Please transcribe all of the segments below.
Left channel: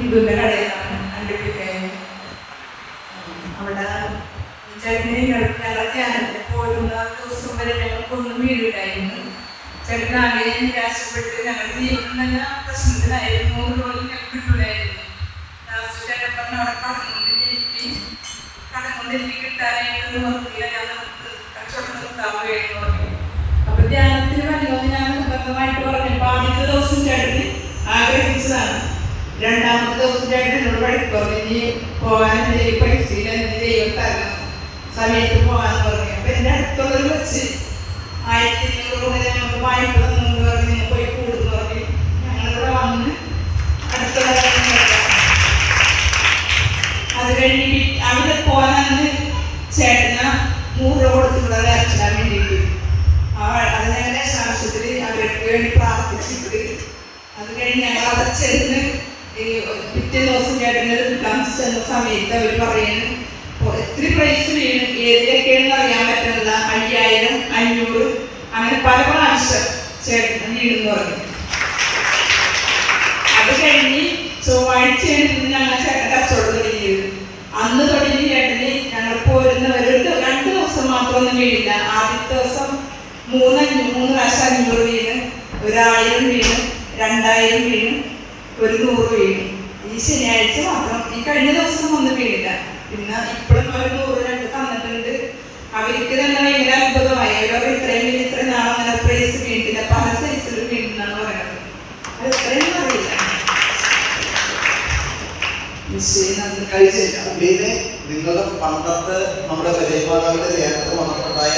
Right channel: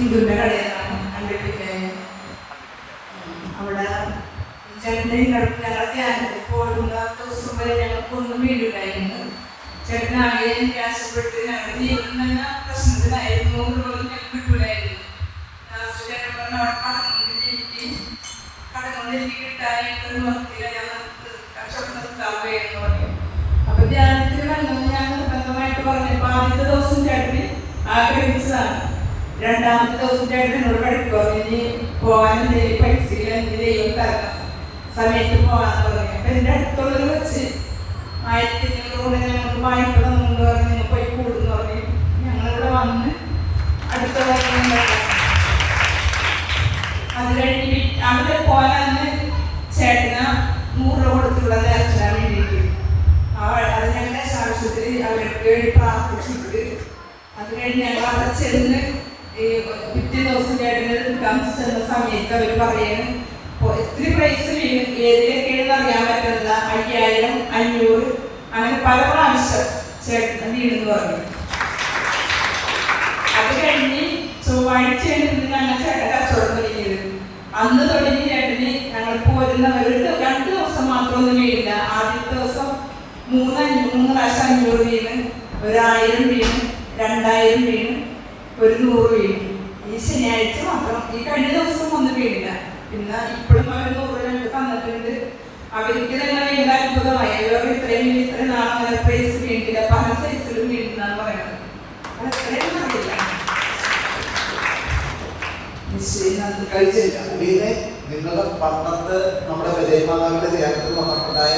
കടയിലാണ് കണ്ടുപിടിക്കാൻ അവിടെ ചേട്ടനെ ഞങ്ങളെ ധ്യാനത്തിൽ പോകുന്ന ദിവസം വരെ ഞങ്ങൾക്കൊന്നും വീടുണ്ടായിരുന്നു ചേട്ടനാകെ നിരാശപ്പെട്ട് ഞങ്ങൾ ജീവിതം തന്നെ പ്രശ്നത്തിനായിരുന്നു നൂറ് പോലും ഞങ്ങൾക്ക് കിട്ടൂലായിരുന്നു ലാസ്റ്റ് ചേട്ടൻ പറഞ്ഞ അവിടെ കടം കൊണ്ട് എനിക്ക് കടം കൊണ്ട് എനിക്ക് കിട്ടാനായിട്ട് നിർത്തിയില്ല ഞാൻ നിർത്ത് കച്ചവടം നിർത്താൻ പോയെന്ന് പറഞ്ഞു അപ്പൊ ധ്യാനത്തിന് വരുന്നത് ഞാൻ നിർബന്ധമായിട്ട് പറഞ്ഞപ്പോൾ ആദ്യത്തെ ദിവസം ചേട്ടന് ആഗ്രഹിച്ചതാണ് രണ്ടാമത്തെ ദിവസം രണ്ടിനോട് പഠിക്കുക ഇനി പോകാൻ പൈസ ഇല്ല എന്റെ ദൈവം തരണം സമയത്ത് പോകാന്ന് പറഞ്ഞു. അപ്പൊ എന്റെ അടുത്തുള്ളവർ വെച്ച് ആയിരത്തി അഞ്ഞൂറ് കൊണ്ട് ഞങ്ങൾക്ക് വായ്പ തന്നു പറഞ്ഞു നിങ്ങൾ പോയി കൂടുന്നു പറഞ്ഞു. ഞങ്ങളിവിടെ വന്ന് അടുത്തുള്ള അത് കഴിഞ്ഞ് അവിടെ പോകാന്ന് ചേട്ടന നൂറ് കൊടുത്തിവിടെ നേർച്ചാൻ വേണ്ടിയിട്ട് അത് ഞങ്ങളുടെ ആവശ്യത്തിൽ അവർക്ക് വേണ്ടി പ്രാർത്ഥിച്ചിട്ട് അത് കഴിഞ്ഞ് ഞങ്ങൾ അവിടെ ചെന്ന് ഈ പിറ്റേ ദിവസം ചേട്ടന് താമസിച്ച് ചെന്ന സമയത്ത് അവർ പറയുന്നു എത്ര പ്രൈസ് വീണ് ഏതിലേക്കാണെന്ന് അറിയാൻ പറ്റുന്നില്ല. അയ്യായിരം അഞ്ഞൂറ് അങ്ങനെ പല പ്രാവശ്യം ചേട്ടൻ വീണെന്ന് പറഞ്ഞു. അത് കഴിഞ്ഞ് ചൊവ്വാഴ്ച ഞങ്ങൾ ചേട്ടൻ കച്ചവടം തുടങ്ങിയത്. അന്ന് തുടങ്ങി ചേട്ടന് ഞങ്ങൾ പോരുന്നവരുടെ രണ്ട് ദിവസം മാത്രമൊന്നും വീണില്ല. ആദ്യത്തെ ദിവസം മൂന്ന് മൂന്ന് പ്രാവശ്യം അഞ്ഞൂറ് വീണ് ഒരായിരം വീണ് രണ്ടായിരം വീണ് ഒരു നൂറ് വീണ്. ഈ ശനിയാഴ്ച മാത്രം. ഈ കഴിഞ്ഞ ദിവസം ഒന്നും വീണില്ല. പിന്നെ ഇപ്പോഴും അവർ നൂറ് രണ്ട് തന്നിട്ടുണ്ട്. അവർക്ക് തന്നെ ഭയങ്കര അത്ഭുതമായി. അവർ ഇത്രയും ഇത്ര ഇത്രയും നാളെ അങ്ങനെ പ്രൈസ് വീണിട്ടില്ല. പല സൈസിലും വീണെന്നാണ് പറയുന്നത്. അത് അറിയില്ല. നിങ്ങളുടെ പണ്ടത്തെ നമ്മുടെ വിജയമാതാവിന്റെ ധ്യാനത്തിൽ വന്നിട്ടുണ്ടായ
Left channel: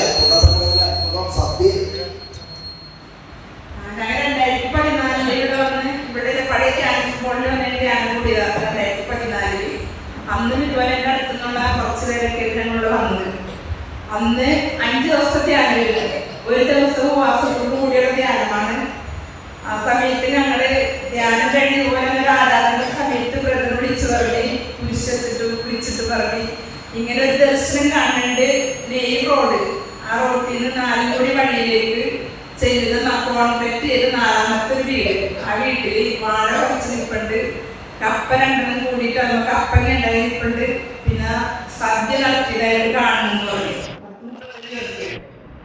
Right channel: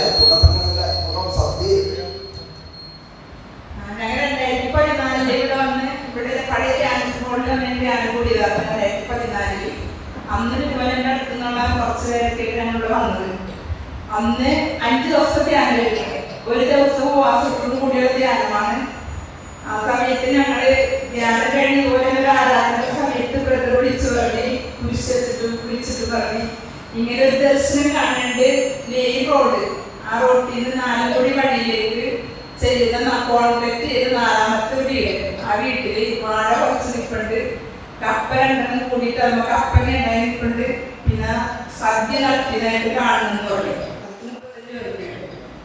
ഞങ്ങൾ രണ്ടായിരത്തി പതിനാലിൽ ഇവിടെ വന്ന് ഇവിടെ പഴയ ക്യാൻസർ ബോർഡിൽ വന്ന് എന്റെ ധ്യാനം കൂടിയതാണ് രണ്ടായിരത്തി പതിനാലിൽ. അന്ന് ഇതുപോലെ എന്റെ അടുത്തുനിന്നുള്ള കുറച്ച് പേരൊക്കെ ഞങ്ങളോട് വന്നത്. അന്ന് അഞ്ച് ദിവസത്തെ ധ്യാനമായിരുന്നു ഒരു ദിവസവും ഉപവാസത്തോടു കൂടിയുള്ള ധ്യാനമാണ്. ആ സമയത്ത് ഞങ്ങൾ ധ്യാനം കഴിഞ്ഞ് പോലെ ആരാധന സമയത്ത് ബ്രദർ വിളിച്ചു പറഞ്ഞ് കുരിശിട്ട് വിളിച്ചിട്ട് പറഞ്ഞ് ഇങ്ങനെ ഒരു ദർശനം കാണുന്നുണ്ട് മെയിൻ റോഡ് ആ റോഡിൽ നിന്ന് നാലുകൂടി വഴിയിലേക്ക് ചെയ്ത കോൺട്രാക്ട് ചെയ്ത നാലാമത്തെ വീട്. ആ വീട്ടിൽ വാഴ പറിച്ച് നിൽപ്പുണ്ട് കപ്പ രണ്ടെണ്ണം കൂടിയിട്ട് നമുക്ക് കപ്പങ്ങ ഉണ്ടായിരിക്കുന്നുണ്ട് പിന്നെ സദ്യ നടത്തിയതായിട്ട് കാണുന്നു പറഞ്ഞു.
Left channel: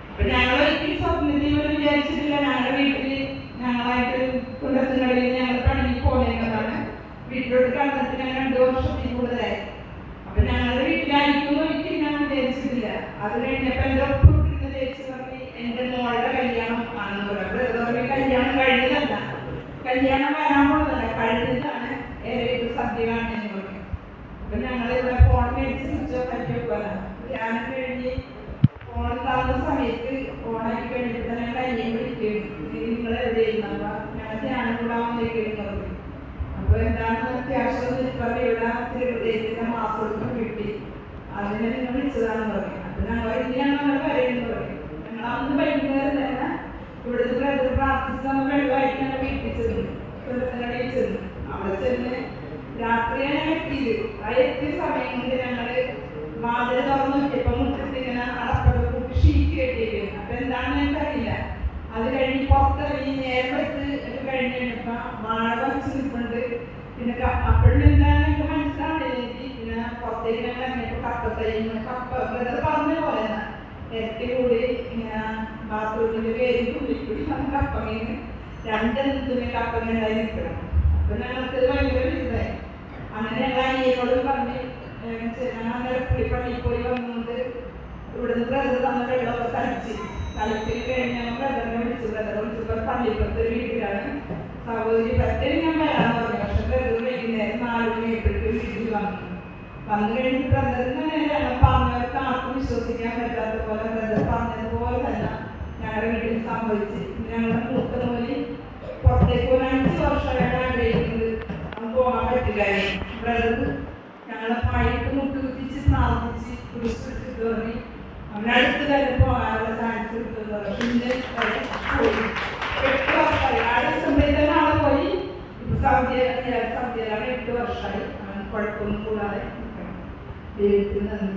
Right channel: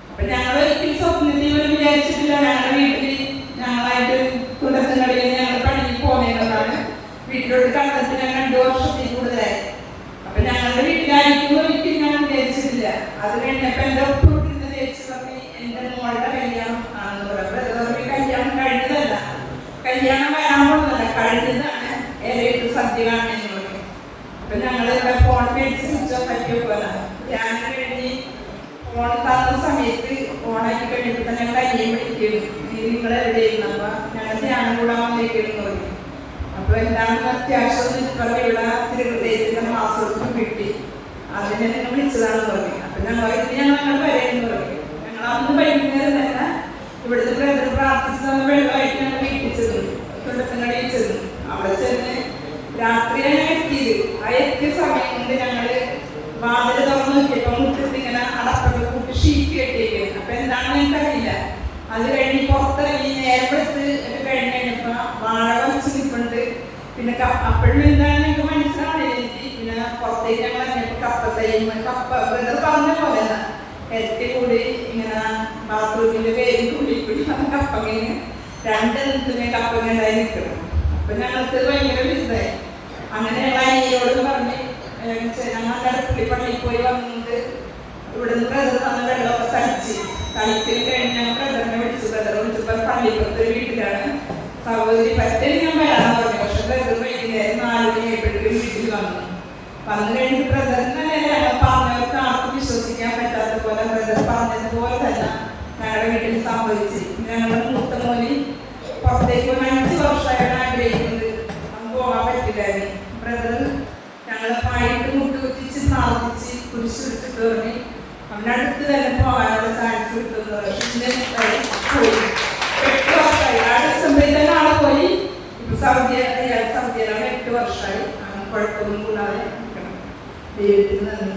അപ്പൊ ഞങ്ങൾ ഒരിക്കലും സ്വപ്നത്തിൽ പോലും വിചാരിച്ചിട്ടില്ല. ഞങ്ങളുടെ വീട്ടിൽ ഞങ്ങളായിട്ട് കുണ്ടത്തിനടിയിൽ ഞങ്ങൾ പണിക്ക് പോകുന്നതാണ് വീട്ടിലോട്ട് കണ്ടത് ഞങ്ങൾ രണ്ടു വർഷത്തിൽ കൂടുതലായി. അപ്പൊ ഞങ്ങളുടെ വീട്ടിലായിരിക്കും ഒരിക്കലും ഞാൻ വിചാരിച്ചിട്ടില്ല. അത് കഴിഞ്ഞപ്പോ എന്റെ പറഞ്ഞു എന്റെ മോളുടെ കല്യാണം ആണെന്ന് അപ്പൊ കല്യാണം കഴിഞ്ഞതല്ല. കല്യാണം വരാൻ പോകുന്നതല്ല. കഴിഞ്ഞതാണ് സദ്യ കാണുമെന്ന് പറഞ്ഞു അപ്പൊ ഞങ്ങൾ ഫോൺ മേടിച്ച് സ്വിച്ച് ഓഫ് ആക്കി വെക്കുമല്ലോ ഞാൻ കഴിഞ്ഞ് ഫോൺ തന്ന സമയത്ത് ഫോണാക്കി കഴിഞ്ഞപ്പോൾ തന്നെ ഞങ്ങൾ അനിയൻ വിളിക്കുന്നു. നിങ്ങൾ എവിടെയായിരുന്നു? അപ്പൊ ഞങ്ങൾ ധ്യാനം കൂടാൻ വന്നിരിക്കുന്നു പറഞ്ഞു. അപ്പൊ എന്താണെന്ന് അത്യാവശ്യം ഇവിടെ തിരുഹൃദയത്തിന്റെ മാസം കിട്ടി. അതിനെ നിങ്ങൾ വിളിച്ചതാണെന്ന് പറഞ്ഞു. അപ്പൊ ഞങ്ങൾ ഇത് ഞങ്ങൾ ഞങ്ങൾ വരെയെന്ന് പറഞ്ഞു. ഞങ്ങൾ അന്ന് വൈകുന്നേരം തന്നെ ഇവിടുത്തെ ബ്രദർ പ്രാർത്ഥിച്ചു തന്ന വെള്ളമായിട്ട് ഞങ്ങൾ വീട്ടിൽ ചെന്നു. ചെന്ന്. രാത്രിയാണ് ഞാൻ എത്തിയത് ആ എത്തിയ സമയം കൊണ്ട് ഞങ്ങൾ വാതിൽ തുറന്നു നോക്കിയപ്പോ മുറ്റത്ത് ഇങ്ങനെ അടപ്പൊക്കെ കൂട്ടി ഷീറ്റ് കെട്ടിയിരിക്കുന്നത് അപ്പൊ എന്താണെന്ന് എനിക്കറിയില്ല. അത് കഴിഞ്ഞ് പുറത്തിറങ്ങി നേരപ്പെടുത്ത് ഒക്കെ കഴിഞ്ഞ് കഴിഞ്ഞപ്പോ വാഴ വെച്ച് നിൽപ്പുണ്ട് പിന്നെ അപ്പോഴും എന്താണെന്ന് എനിക്ക് മനസ്സിലാവില്ല എനിക്ക് പിന്നെ പുറത്തേക്ക് ഞങ്ങൾ ഇറങ്ങിയപ്പോ കപ്പത്തയ്യും കപ്പ ബ്രദർ പറഞ്ഞ പോലെ ഇരട്ടി കൂടി ഇങ്ങനെ ബാത്റൂമിന്റെ പേര് കൂടി കൂടി കപ്പങ്ങനെ രണ്ട് നിൽക്കുന്ന കപ്പങ്ങ ഉണ്ടായി നിൽക്കണം. അപ്പൊ ഞങ്ങൾക്ക് ഭയങ്കര വിരുദ്ധായി അങ്ങനെ ഞങ്ങൾ അനിയോടും പറഞ്ഞ് ഞങ്ങൾ കടപ്പള്ളി പോയി വന്നുകൊണ്ട് ഇവിടുന്ന് ബ്രദർ തന്ന വെള്ളമൊക്കെ തളിച്ച് തളിക്കൽ കഴിഞ്ഞ് ഞങ്ങൾ ബ്രദറിനെ വിളിച്ചു. ബ്രദർ വിളിച്ചപ്പോൾ പള്ളിപ്പുറത്ത് വീട്ടിലാണ്. സഹോദരി പറ്റൽ ഞാൻ വരാമെന്ന് പറഞ്ഞു. പക്ഷെ ബ്രദർ വൈകുന്നേരം നാല് മണിയായപ്പോഴേക്കും വീട്ടിൽ വന്നു. വന്നു കഴിഞ്ഞ് ബ്രദറിനെ ഞങ്ങൾ പറഞ്ഞവർക്ക് ആർക്കും വിശ്വസിക്കാൻ പറ്റാത്ത പോലെ ബ്രദർ പറഞ്ഞതുപോലെ തന്നെ ഞങ്ങളുടെ വീട്ടിൽ സംഭവിച്ച്. ഞങ്ങളുടെ മുട്ടുകുത്തിച്ച് പ്രാർത്ഥിച്ച് കുരിശ് കയറി അവനടുത്ത് തന്നെ പോകാനുള്ള ചാൻസ് കിട്ടുന്നത് പിന്നെ പോയി. എട്ട് വർഷമായി. ആ ഡിസംബറിൽ പോയി. ഇപ്പൊ സൗദി അറേബ്യ സൗദിയിലാണ് എട്ട് വർഷമായി. അങ്ങനെ കുഴപ്പമൊന്നും കൂടാതെ ദൈവത്തിന് നന്ദി.